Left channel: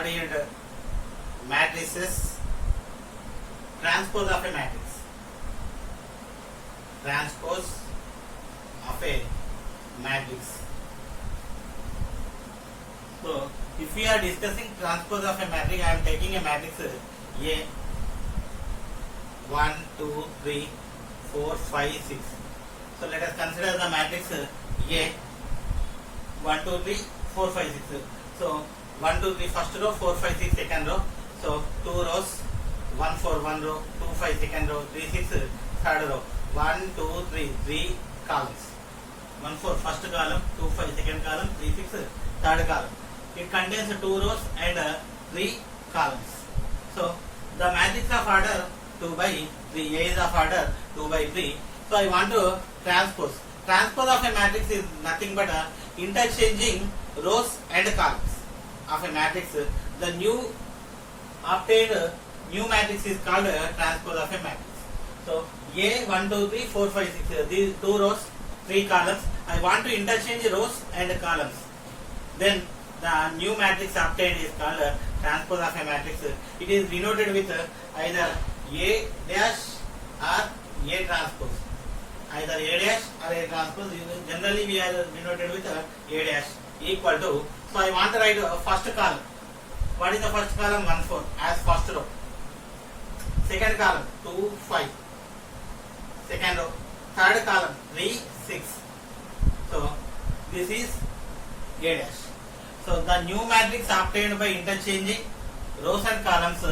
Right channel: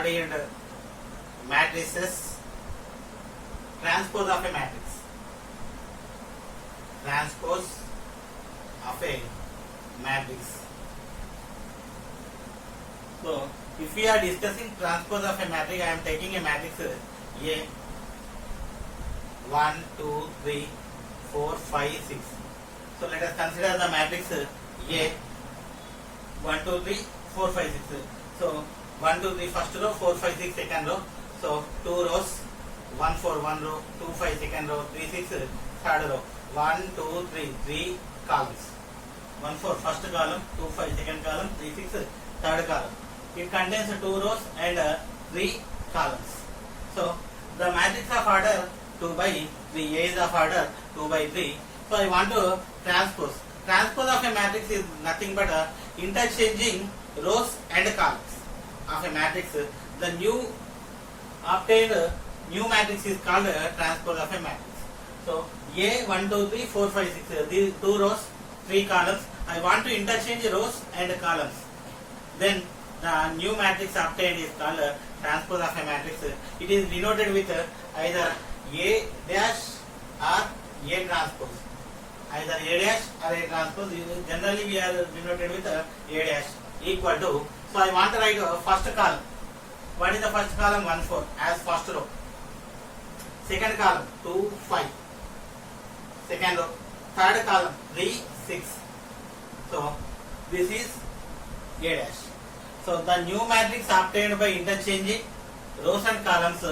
ordered matrices, transpose of a matrix, transpose of a matrix. So if we are discussing transpose of a matrix, I am taking a matrix A 1, 2, 3, 4, 5, 6. So let us consider the matrix A 1, 2, 3, 4, 5, 6. So 1, 2, 3 first row, 4, 5, 6 second row. So 2 rows, 1, 4 one row, 2, 5 second row, 3, 6 third row. 1, 2, 3, 3 columns. 1, 4 first column, 2, 5 second column, 3, 6 third column. It contains 2 rows and 3 columns. So the matrix of order 2 by 3, A is of order 2 by 3. So I want to transpose. Transpose of a matrix is nothing but interchanging rows and columns of a matrix. The new obtained new matrix is called transpose of a matrix. So A 1, 2, 3, 4, 5, 6. These 2 rows, 3 columns. I want to interchange rows and columns. Then the new matrix obtained is called transpose of a matrix. It is denoted with either A dash or A transpose. Either A dash or A transpose. Generally we are denoted with A dash equal to. So I want to write first column. What is the first column? 1, 4 as first row. Second column 2, 5. Second row. Third column 3, 6. So this is A dash. So the new matrix obtained by interchanging rows and columns,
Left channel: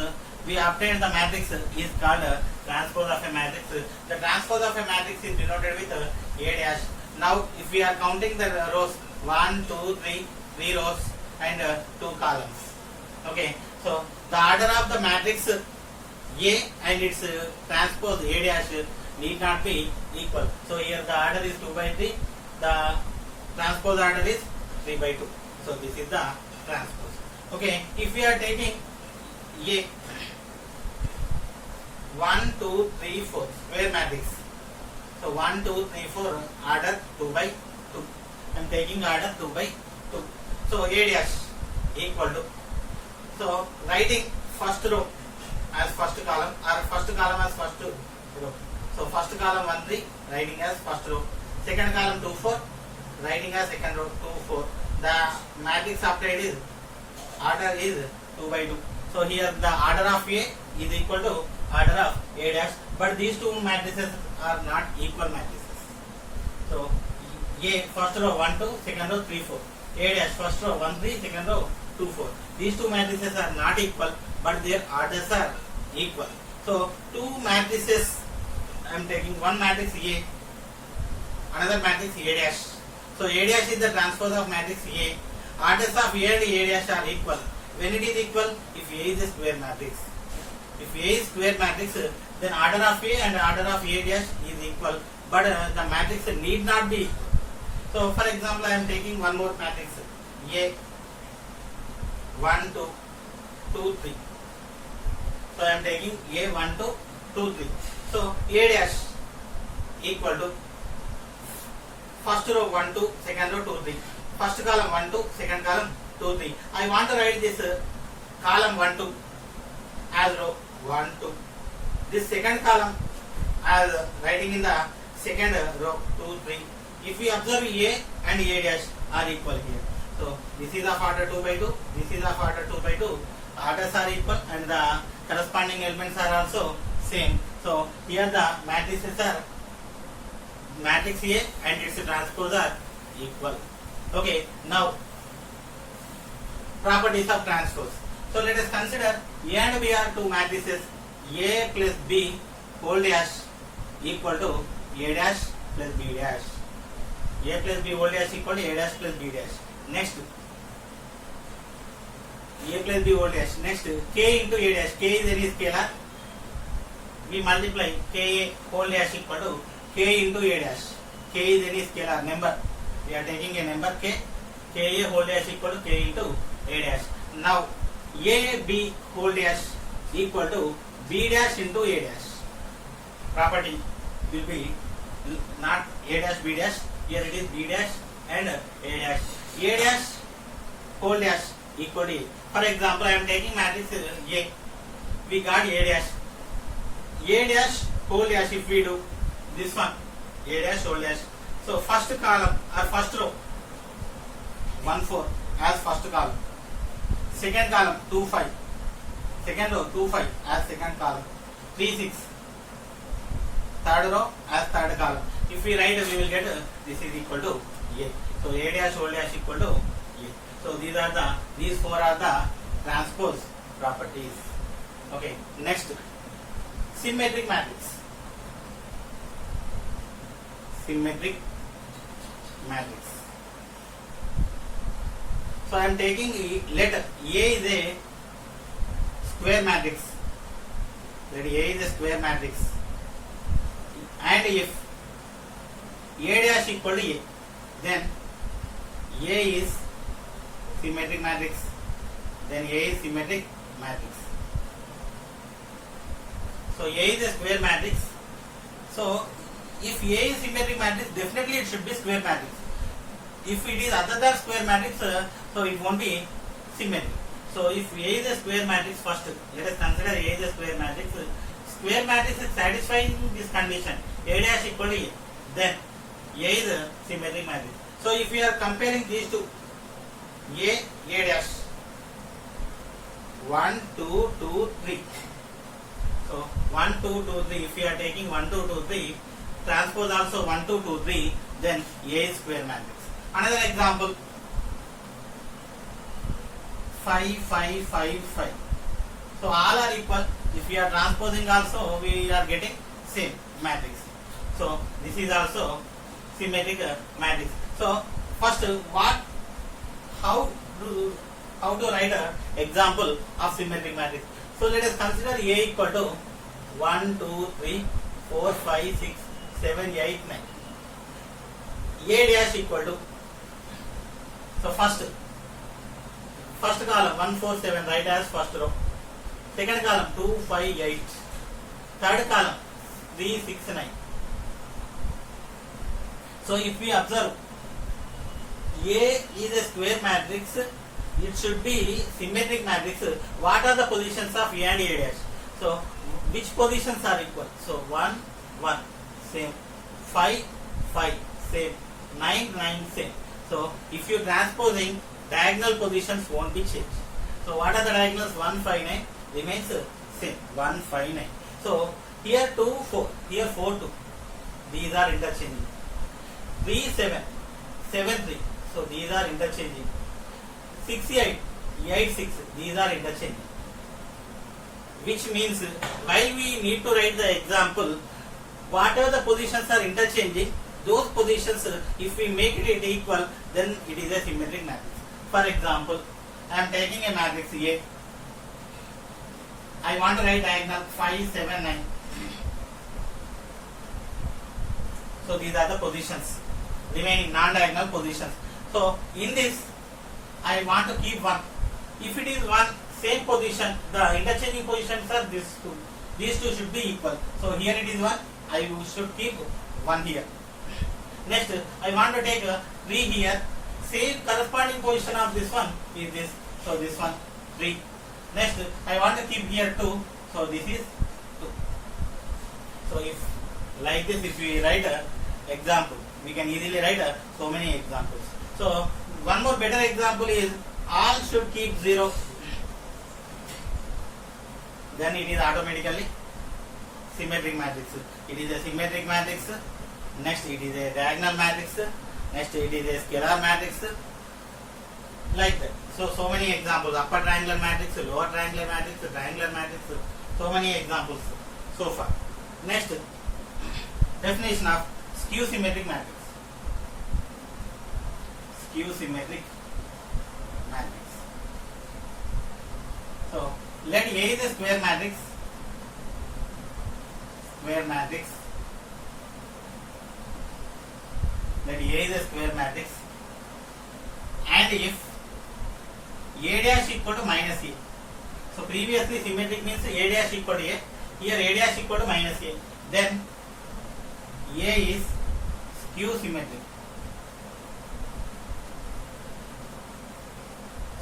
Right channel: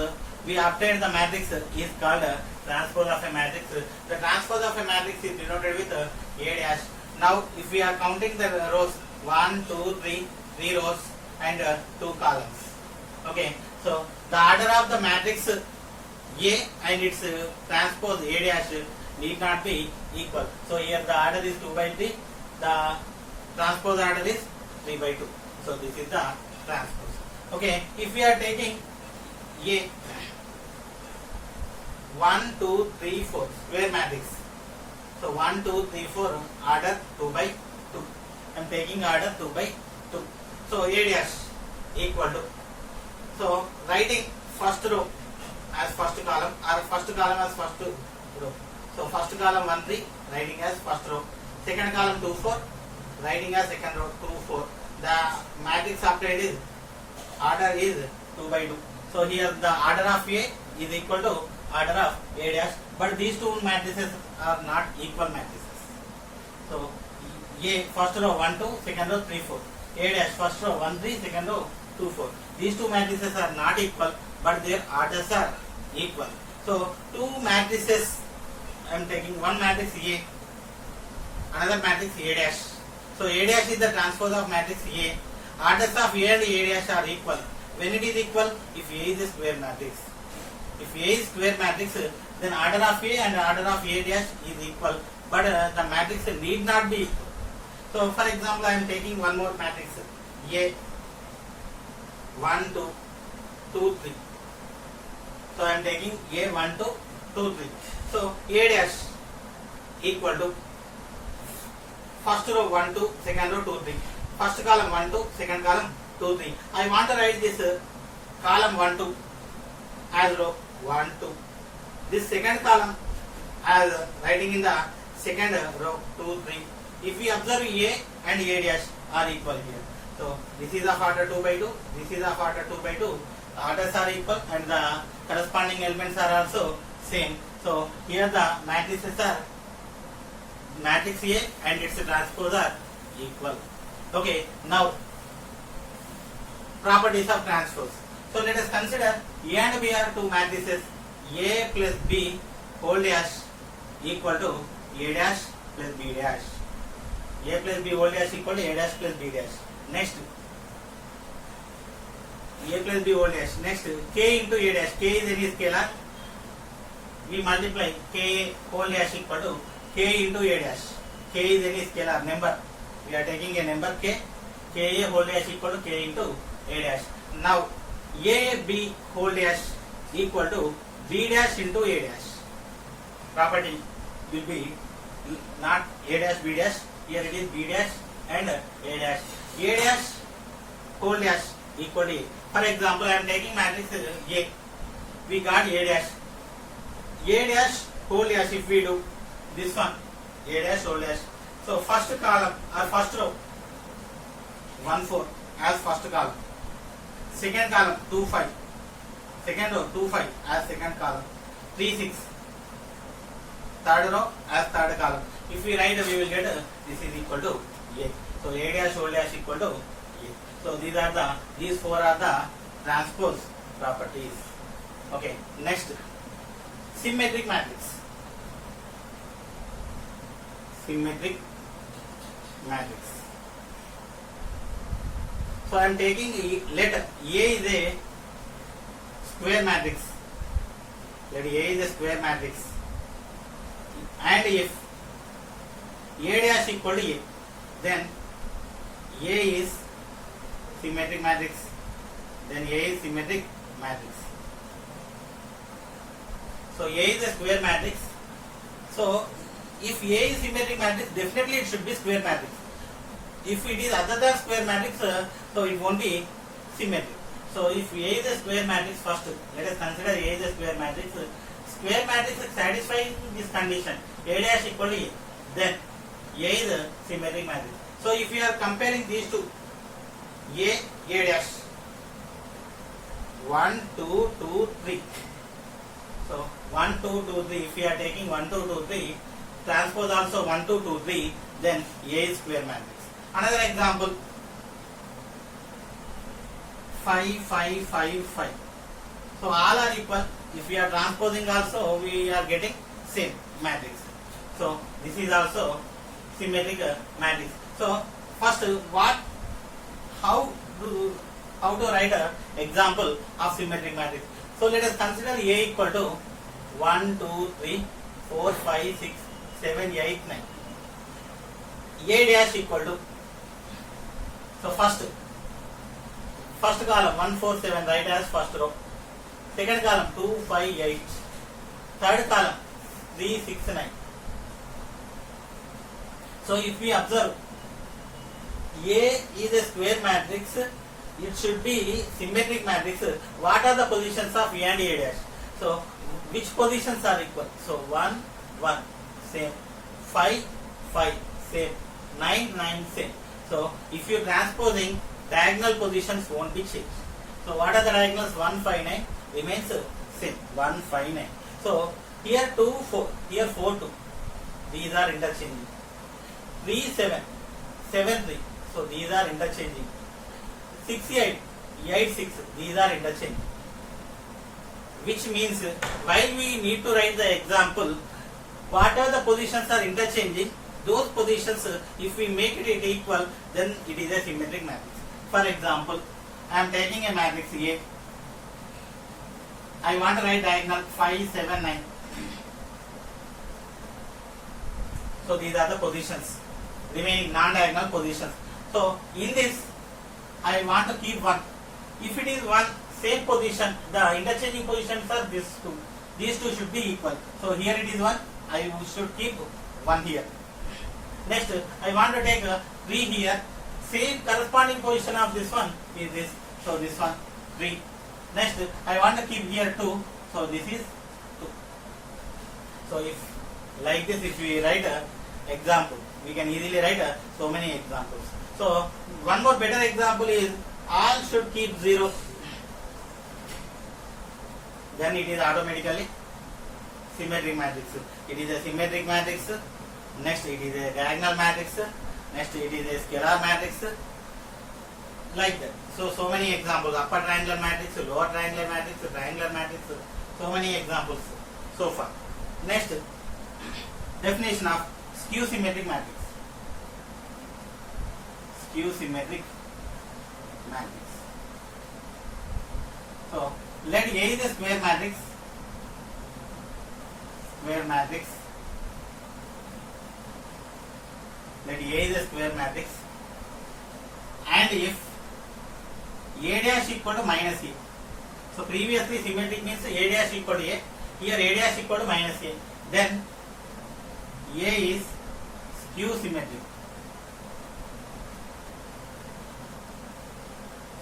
we obtained the matrix is called transpose of a matrix. The transpose of a matrix is denoted with A dash. Now if we are counting the rows 1, 2, 3, 3 rows and 2 columns. Okay, so the order of the matrix A and its transpose A dash need not be equal. So here the order is 2 by 3, the transpose order is 3 by 2. So this is the transpose. Okay, if we are taking A 1, 2, 3, 4 square matrix. So 1, 2, 3, 4 order 2 by 2. I am taking order 2 by 2. So A dash equal to. So writing first row as first column or first column as first row. So first column 1, 3 writing as first row. Second column 2, 4 writing as second row 2, 4. The matrix obtained is order is 2 by 2. So here the order of A is equal to order of A dash, but these two matrices are not equal matrices. So A first row 1, 2, second row 3, 4. A dash first row 1, 3, second row 2, 4. These two matrices are not equal, but their orders are equal. So two matrices, I am taking one matrix A, another matrix A dash. So A dash is the transpose of matrix A. Orders of A and A dash are equal. When it is equal, if A is a square matrix. If A is square matrix, then order of A and order of A dash is equal. But the matrix need not be. So for example, I am taking one more matrix A 1, 2, 2, 3. So I am taking A 1, 2, 2, 3. So A dash equal to first row 1, 2, second row 2, 3. First column 1, 2, second column 2, 3. I want to write this column 1, 2 as row 1, 2. This second column as writing in the second row 2, 3. If we observe A and A dash are equal here. So this is of order 2 by 2. This is of order 2 by 2. Orders are equal and the corresponding elements are also same. So here the matrices are matrix A and its transpose are equal. Okay, now properties of transpose. So let us consider A and B are two matrices. A plus B whole dash equal to A dash plus B dash. A plus B whole dash equal to A dash plus B dash. Next A plus B whole dash. Next K into A dash. K is any scalar. We multiply K whole dash equal to K into A dash. K is any scalar number. We are taking a number K. K A whole dash equal to K into A dash. Now A B whole dash equal to B dash into A dash. Property will be not A dash B dash. Here it is B dash and A dash. A dash whole dash equal to For example, I am taking matrix A. We got A dash. A dash whole dash. If we do this one, A dash whole dash. So first column or first row 1 4 as first column. Second column 2 5. Second row 2 5 as second column. 3 6. Third row as third column. If we write, we will get this is equal to A. So A dash whole dash equal to A. So these four are the transpose properties. Okay, next, symmetric matrix. Symmetric matrix. So I am taking let A is a square matrix. Let A is a square matrix. And if A dash equal to A, then A is symmetric matrix. Then A is symmetric matrix. So A is a square matrix. So if A is symmetric matrix, definitely it should be square matrix. If it is other than square matrix, so it won't be symmetric. So if A is a square matrix, first let us consider A is a square matrix. Square matrix is satisfying this condition, A dash equal to A. Then A is a symmetric matrix. So if we are comparing these two, A dash 1 2 2 3. So 1 2 2 3. If we are taking 1 2 2 3, transpose also 1 2 2 3, then A is square matrix. Another example, 5 5 5 5. So all are equal. If we are transposing also, we are getting same matrix. So this is also symmetric matrix. So first, how to write an example of symmetric matrix? So let us consider A equal to 1 2 3 4 5 6 7 8 9. A dash equal to, so first column 1 4 7, write as first row. Second column 2 5 8. Third column 3 6 9. So if we observe, A is a square matrix, it should be symmetric matrix. What are the positions of A and A dash? So which positions are equal? So 1 1 same, 5 5 same, 9 9 same. So if you transposing, diagonal positions won't be changed. So what are the diagonals? 1 5 9 remains same, 1 5 9. So here 2 4, here 4 2. These are interchanging. 3 7 7 3. So these are interchanging. 6 8 8 6. These are interchanging. Which means while we need to write the example, whatever the positions are interchanging, those positions, if we make it equal, then it is a symmetric matrix. For example, I am taking a matrix A. I want to write diagonal 5 7 9. So these are the positions, remaining non-diagonal positions. So in this, I want to keep 1. If it is 1, same position, the interchanging positions are these two. These two should be equal. So here it is 1, I should keep 1 here. Next, I want to take a 3 here. Same corresponding position of this one is this. So this one 3. Next, I want to keep here 2. So this is 2. So if like this, if we write a example, we can easily write so many examples. So one more better example is all should keep 0. Then it is automatically symmetric matrix. It is a symmetric matrix. Next it is a diagonal matrix. Next it is a scalar matrix. Like that. So many examples. Upper triangular matrix, lower triangular matrix, triangular matrix. So many examples so far. Next, definition of skew symmetric matrix. Skew symmetric matrix. So let A is a square matrix. Square matrix. Let A is a square matrix. And if A dash equal to minus A. So previously symmetric means A dash equal to A. Here A dash equal to minus A. Then A is skew symmetric.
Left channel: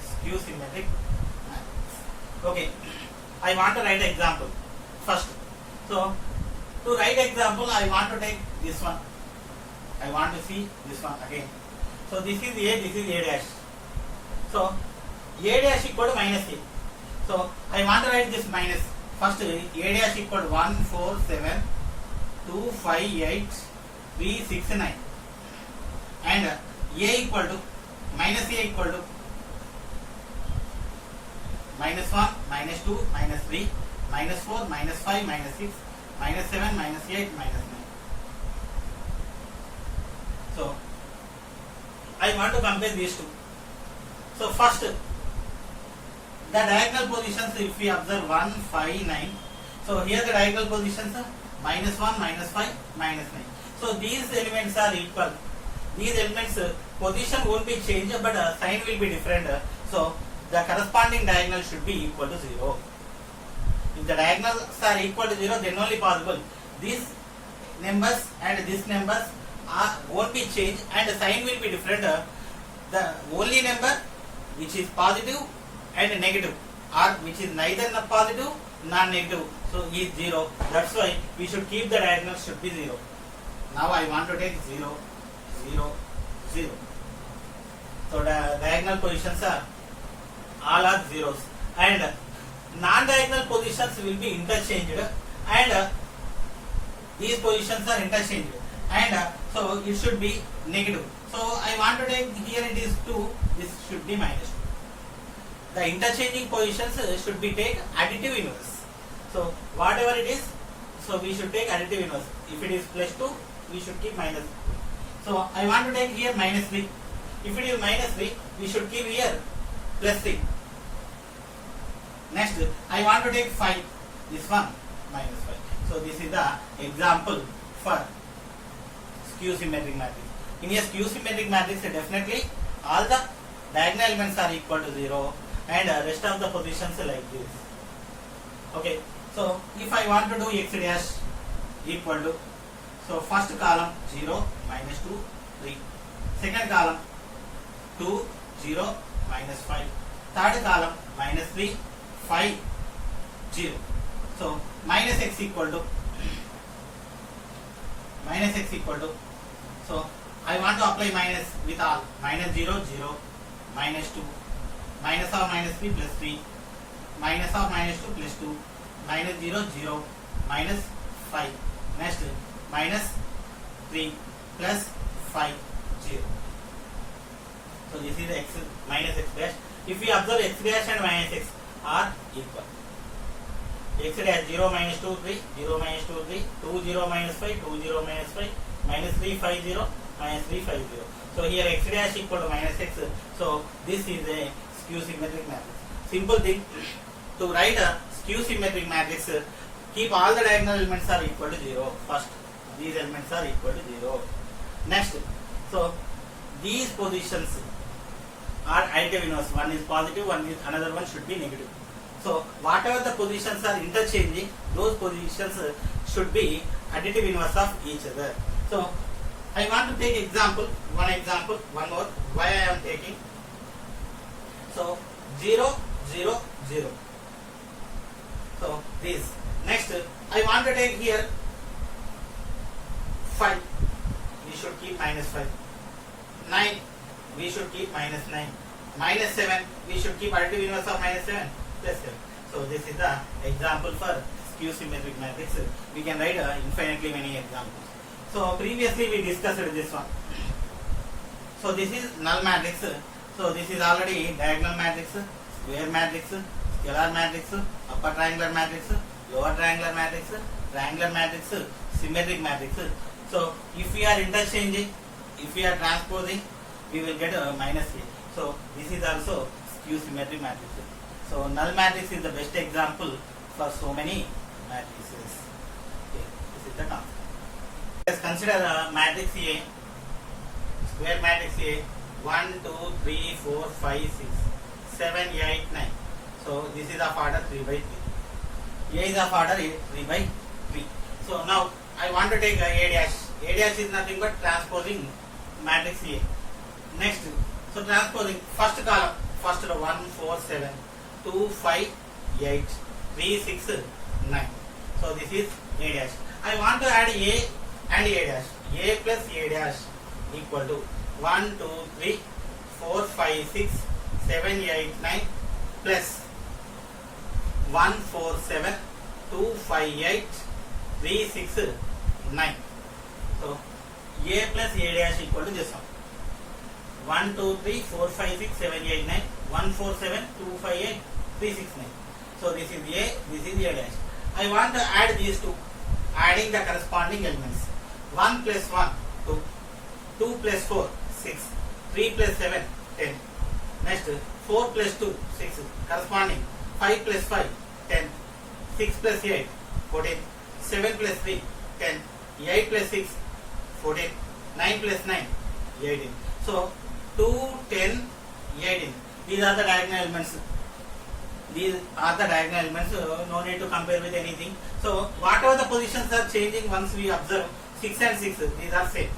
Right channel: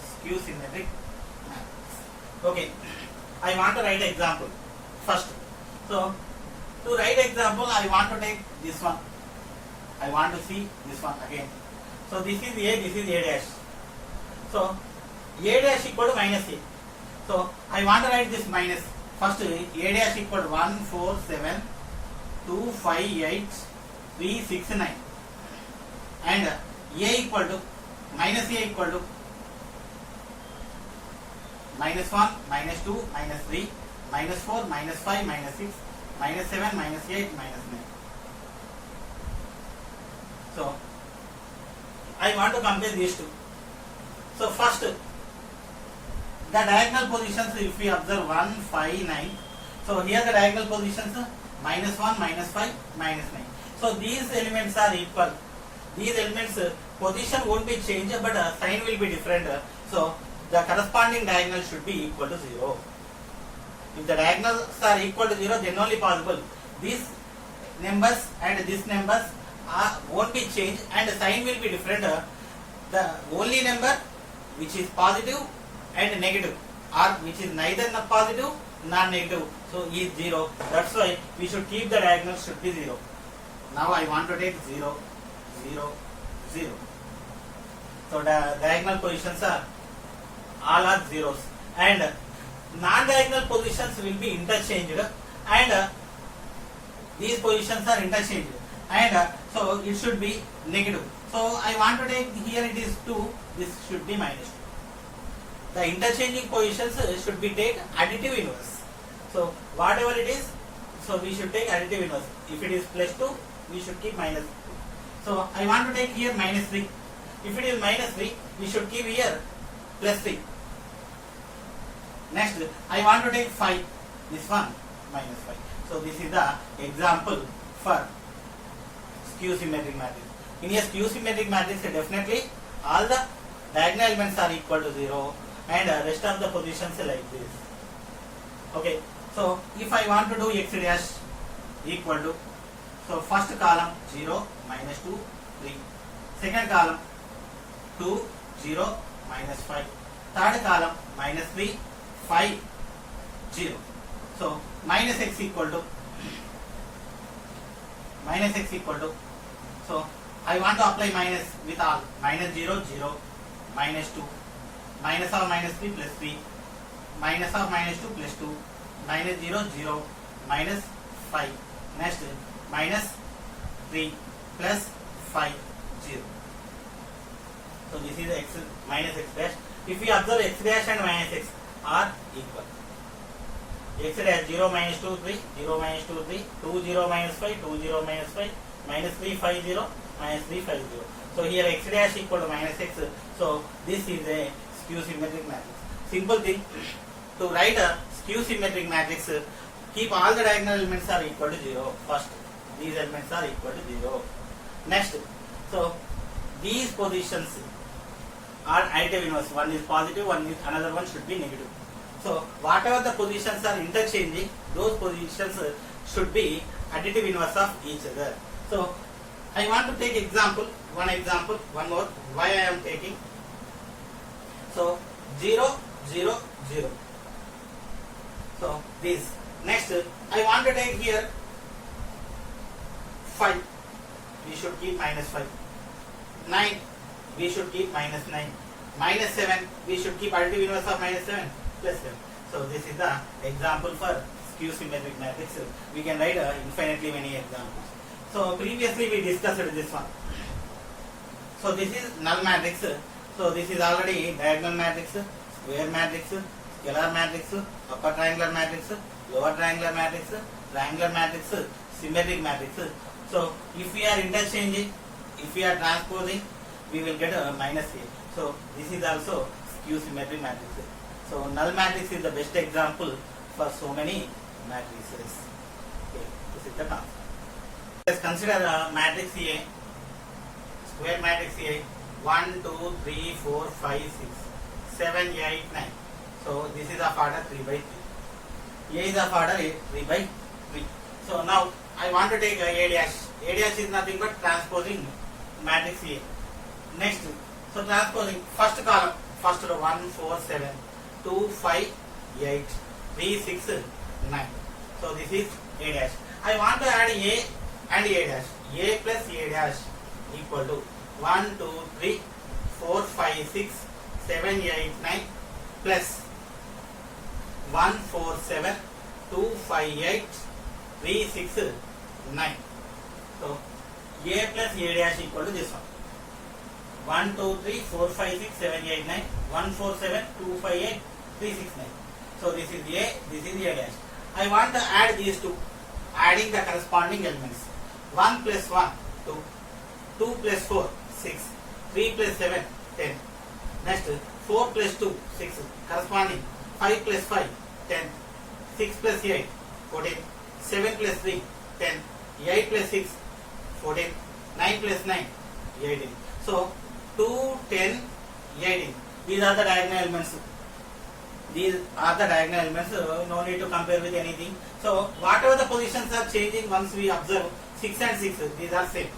Skew symmetric Okay, I want to write example first. So to write example, I want to take this one. I want to see this one again. So this is A, this is A dash. So A dash equal to minus A. So I want to write this minus. First A dash equal to 1, 4, 7, 2, 5, 8, 3, 6, 9. And A equal to minus A equal to minus 1, minus 2, minus 3, minus 4, minus 5, minus 6, minus 7, minus 8, minus 9. So I want to compare these two. So first, the diagonal positions, if we observe 1, 5, 9. So here the diagonal positions are minus 1, minus 5, minus 9. So these elements are equal. These elements position won't be changed, but sign will be different. So the corresponding diagonal should be equal to 0. If the diagonals are equal to 0, then only possible. These numbers and these numbers won't be changed, and the sign will be different. The only number which is positive and negative, or which is neither positive nor negative, so is 0. That's why we should keep the diagonal should be 0. Now I want to take 0, 0, 0. So the diagonal positions are all are zeros, and non-diagonal positions will be interchanged, and these positions are interchanged, and so it should be negative. So I want to take here it is 2, this should be minus 2. The interchanging positions should be take additive inverse. So whatever it is, so we should take additive inverse. If it is plus 2, we should keep minus 2. So I want to take here minus 3. If it is minus 3, we should keep here plus 3. Next, I want to take 5. This one minus 5. So this is the example for skew symmetric matrix. In a skew symmetric matrix, definitely all the diagonal elements are equal to 0, and rest of the positions like this. Okay. So if I want to do x dash equal to, so first column 0, minus 2, 3. Second column 2, 0, minus 5. Third column minus 3, 5, 0. So minus x equal to, so I want to apply minus with all. Minus 0, 0, minus 2, minus or minus 3 plus 3, minus or minus 2 plus 2, minus 0, 0, minus 5. Next, minus 3 plus 5, 0. So this is x minus x dash. If we observe x dash and minus x are equal. X dash 0 minus 2 3, 0 minus 2 3, 2 0 minus 5, 2 0 minus 5, minus 3 5 0, minus 3 5 0. So here x dash equal to minus x. So this is a skew symmetric matrix. Simple thing, to write a skew symmetric matrix, keep all the diagonal elements are equal to 0. First, these elements are equal to 0. Next, so these positions are additive inverse. One is positive, another one should be negative. So whatever the positions are interchanging, those positions should be additive inverse of each other. So I want to take one more, why I am taking. So 0, 0, 0. So this. Next, I want to take here 5. We should keep minus 5. 9. We should keep minus 9. Minus 7. We should keep additive inverse of minus 7. Plus 7. So this is the example for skew symmetric matrix. We can write infinitely many examples. So previously we discussed this one. So this is null matrix. So this is already diagonal matrix, square matrix, scalar matrix, upper triangular matrix, lower triangular matrix, symmetric matrix. So if we are interchanging, if we are transposing, we will get a minus a. So this is also skew symmetric matrix. So null matrix is the best example for so many matrices. Okay, this is the concept. Let's consider the matrix A, square matrix A, 1, 2, 3, 4, 5, 6, 7, 8, 9. So this is of order 3 by 3. A is of order 3 by 3. So now I want to take A dash. A dash is nothing but transposing matrix A. Next, so transposing first column, first row 1, 4, 7, 2, 5, 8, 3, 6, 9. So this is A dash. I want to add A and A dash. A plus A dash equal to 1, 2, 3, 4, 5, 6, 7, 8, 9 plus 1, 4, 7, 2, 5, 8, 3, 6, 9. So A plus A dash equal to this one. 1, 2, 3, 4, 5, 6, 7, 8, 9. 1, 4, 7, 2, 5, 8, 3, 6, 9. So this is A, this is A dash. I want to add these two, adding the corresponding elements. 1 plus 1, 2. 2 plus 4, 6. 3 plus 7, 10. Next, 4 plus 2, 6. Corresponding. 5 plus 5, 10. 6 plus 8, 14. 7 plus 3, 10. 8 plus 6, 14. 9 plus 9, 18. So 2, 10, 18. These are the diagonal elements. These are the diagonal elements. No need to compare with anything. So whatever the positions are changing once we observe 6 and 6, these are same.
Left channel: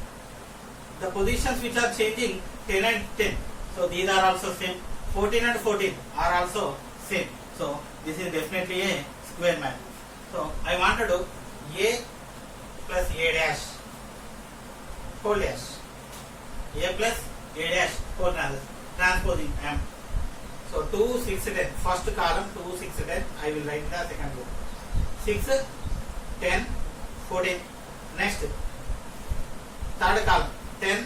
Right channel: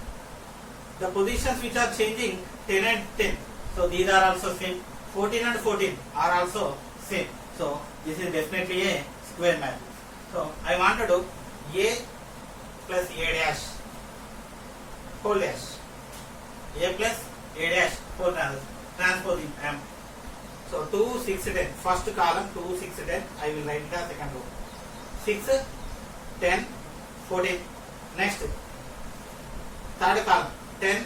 The positions which are changing 10 and 10. So these are also same. 14 and 14 are also same. So this is definitely a square matrix. So I want to do A plus A dash whole dash. A plus A dash whole transposing M. So 2, 6, 10. First column 2, 6, 10. I will write the second row. 6, 10, 14. Next. Third column 10,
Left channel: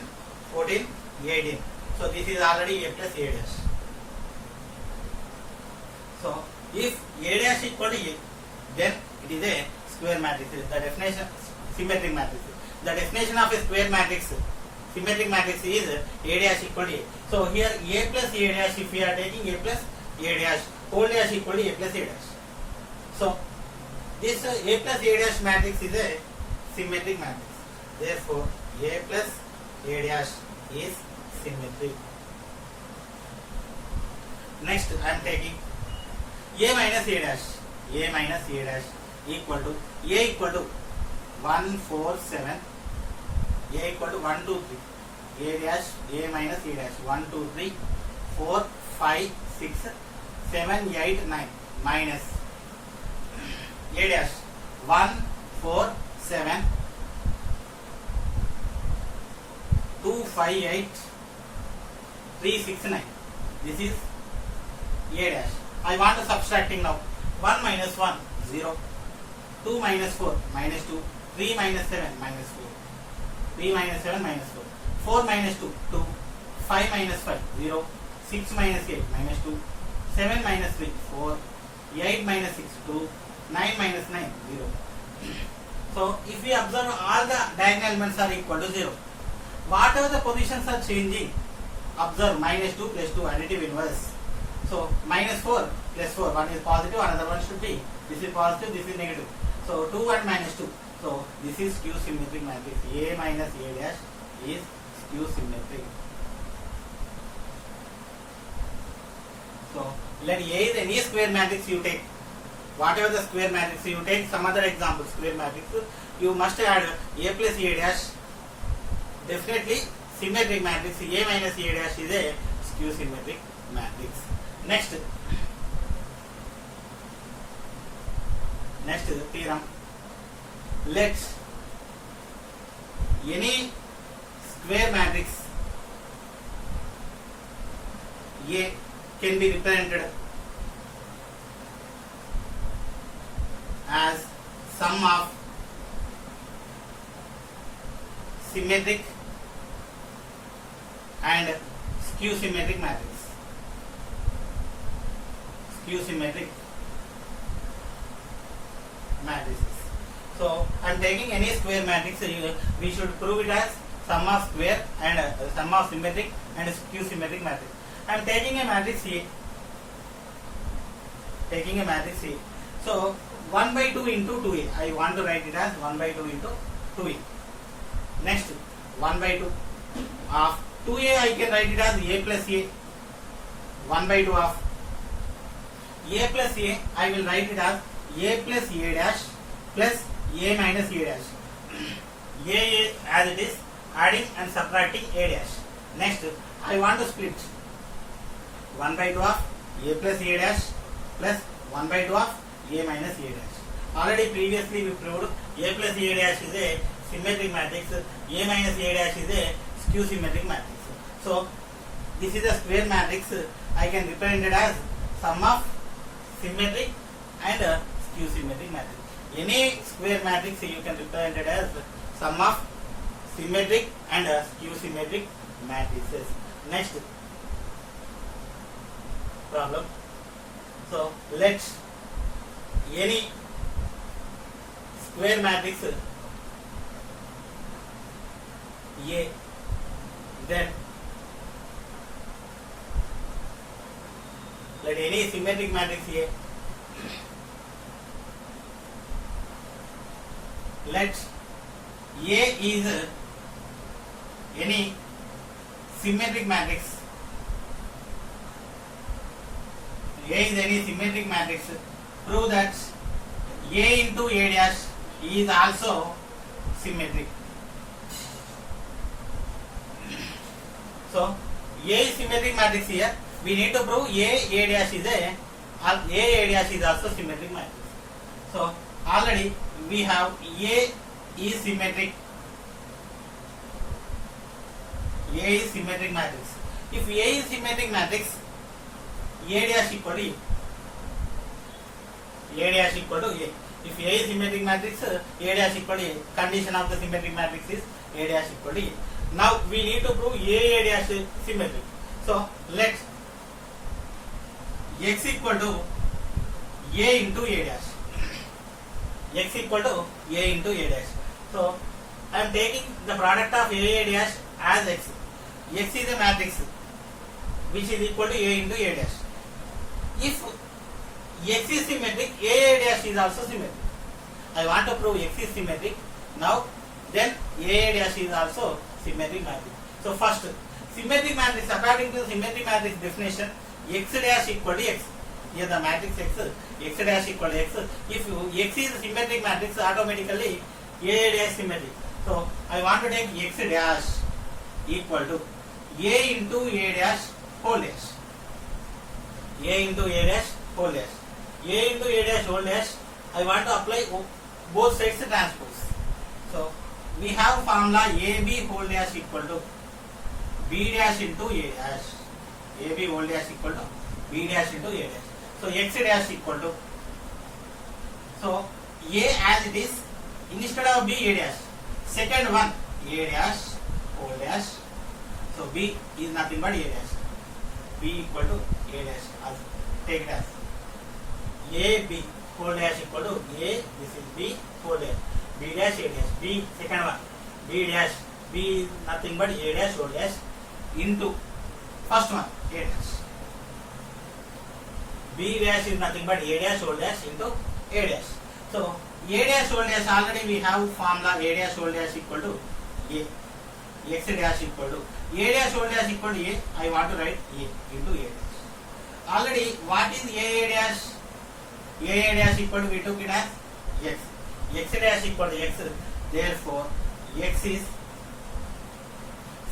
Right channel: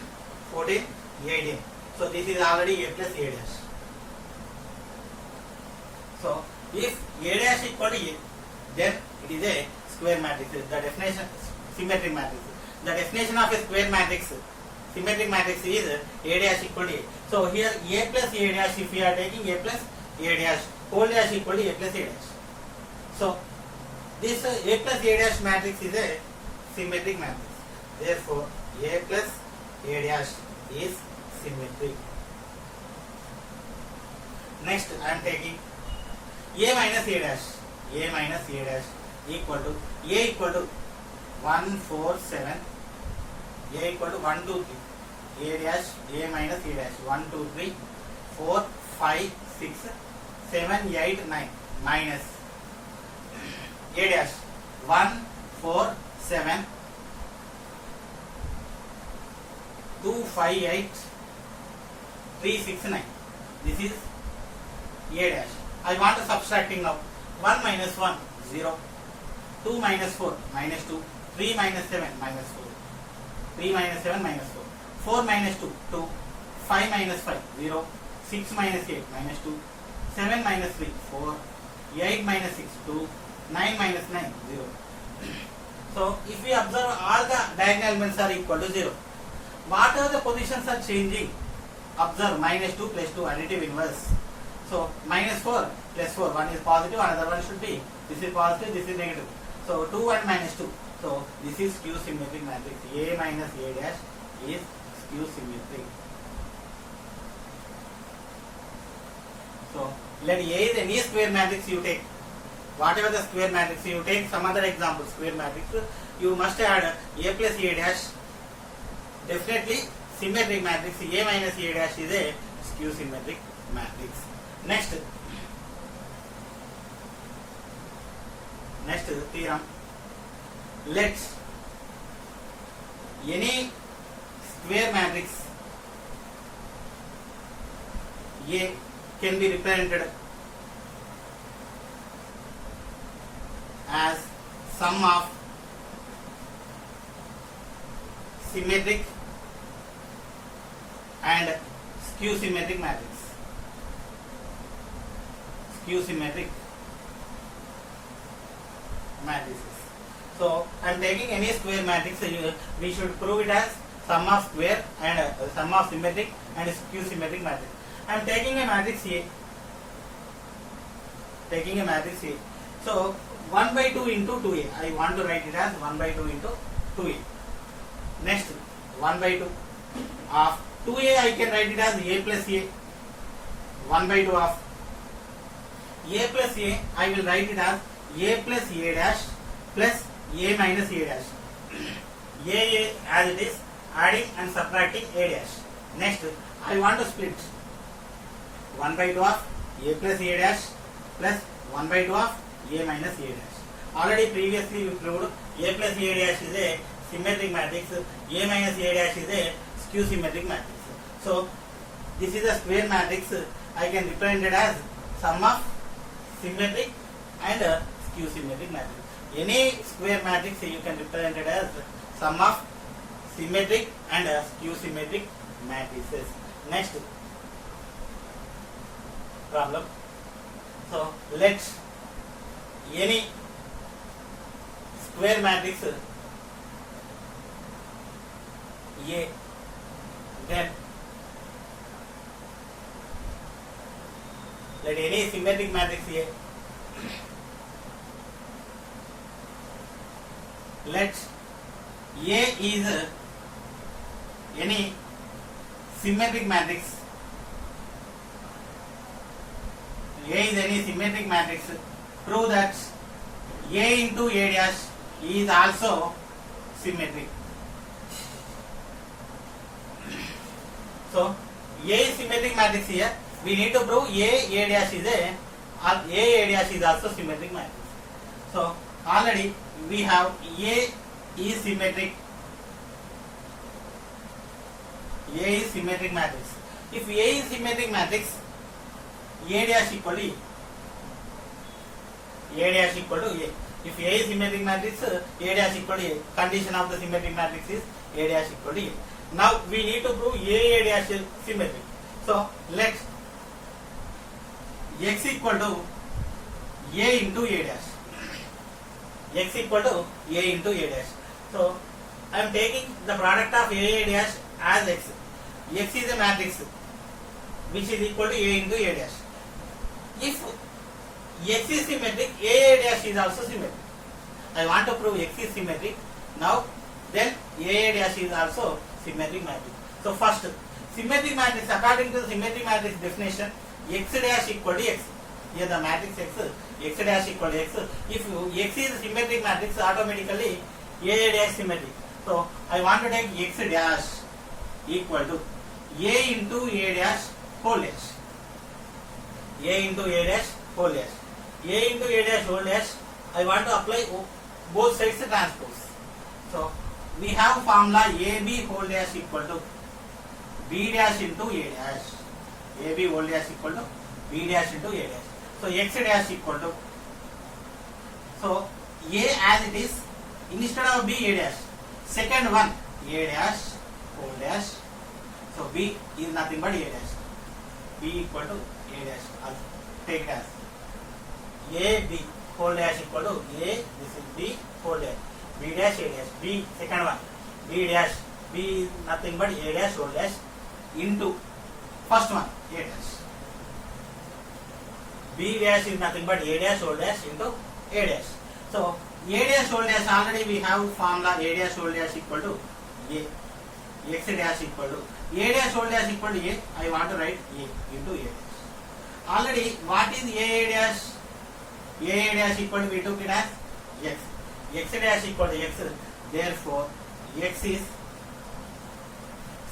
14, 18. So this is already A plus A dash. So if A dash equal to A, then it is a square matrix. The definition symmetric matrix. The definition of a square matrix, symmetric matrix, is A dash equal to A. So here A plus A dash, if we are taking A plus A dash whole dash equal to A plus A dash. So this A plus A dash matrix is a symmetric matrix. Therefore A plus A dash is symmetric. Next I am taking A minus A dash. A minus A dash equal to A equal to 1, 4, 7. A equal to 1, 2, 3. A dash, A minus A dash. 1, 2, 3, 4, 5, 6, 7, 8, 9. Minus A dash. 1, 4, 7, 2, 5, 8, 3, 6, 9. This is A dash. I want to subtracting now. 1 minus 1, 0. 2 minus 4, minus 2. 3 minus 7, minus 4. 3 minus 7, minus 4. 4 minus 2, 2. 5 minus 5, 0. 6 minus 8, minus 2. 7 minus 3, 4. 8 minus 6, 2. 9 minus 9, 0. So if we observe, all the diagonal elements are equal to 0. Whatever the positions are changing, observe minus 2 plus 2 additive inverse. So minus 4 plus 4, one is positive, another one should be, this is positive, this is negative. So 2 and minus 2. So this is skew symmetric matrix. A minus A dash is skew symmetric. So let A is any square matrix you take. Whatever the square matrix you take, some other example square matrix, you must add A plus A dash. Definitely symmetric matrix. A minus A dash is a skew symmetric matrix. Next is the theorem. Let any square matrix A can be represented as sum of symmetric and skew symmetric matrix. Skew symmetric matrices. So I am taking any square matrix. We should prove it as sum of square and sum of symmetric and skew symmetric matrix. I am taking a matrix A. Taking a matrix A. So 1 by 2 into 2A. I want to write it as 1 by 2 into 2A. Next 1 by 2 of 2A, I can write it as A plus A. 1 by 2 of A plus A, I will write it as A plus A dash plus A minus A dash. A as it is, adding and subtracting A dash. Next, I want to split 1 by 2 of A plus A dash plus 1 by 2 of A minus A dash. Already previously we proved A plus A dash is a symmetric matrix, A minus A dash is a skew symmetric matrix. So this is a square matrix. I can represent it as sum of symmetric and skew symmetric matrix. Any square matrix you can represent it as sum of symmetric and skew symmetric matrices. Next problem. So let any square matrix A, then let any symmetric matrix A, let A is any symmetric matrix, A is any symmetric matrix, prove that A into A dash is also symmetric. So A is symmetric matrix here. We need to prove A dash is A dash is also symmetric matrix. So already we have A is symmetric. A is symmetric matrix. If A is symmetric matrix, A dash equal to A dash equal to A. If A is symmetric matrix, A dash equal to A. Condition of the symmetric matrix is A dash equal to A. Now we need to prove A dash is symmetric. So let X equal to A into A dash. X equal to A into A dash. So I am taking the product of A dash as X. X is a matrix which is equal to A into A dash. If X is symmetric, A dash is also symmetric. I want to prove X is symmetric. Now then A dash is also symmetric matrix. So first, symmetric matrix, according to the symmetric matrix definition, X dash equal to X. Here the matrix X dash equal to X. If X is a symmetric matrix, automatically A dash symmetric. So I want to take X dash equal to A into A dash whole dash. A into A dash whole dash. A into A dash whole dash, I want to apply both sides transpose. So we have formula AB whole dash equal to B dash into A dash. AB whole dash equal to B dash into A dash. So X dash equal to, so A as it is, instead of B, A dash. Second one, A dash whole dash. So B is nothing but A dash. B equal to A dash. I'll take it as A B whole dash equal to A, this is B whole dash. B dash A dash. B second one, B dash. B is nothing but A dash whole dash into first one, A dash. B dash is nothing but A dash whole dash into A dash. So A dash whole dash, already we have formula A dash whole dash equal to A. X dash equal to A dash whole dash equal to A. I want to write A into A dash. Already what is A dash? A dash equal to, we took it as X. X dash equal to X. Therefore X is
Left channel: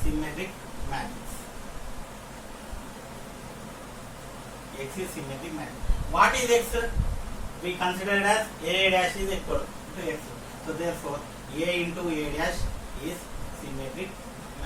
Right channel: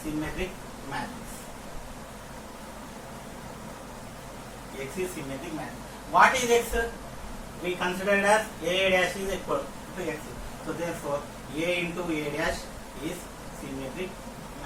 symmetric matrix. X is symmetric matrix. What is X? We consider it as A dash is equal to X. So therefore A into A dash is symmetric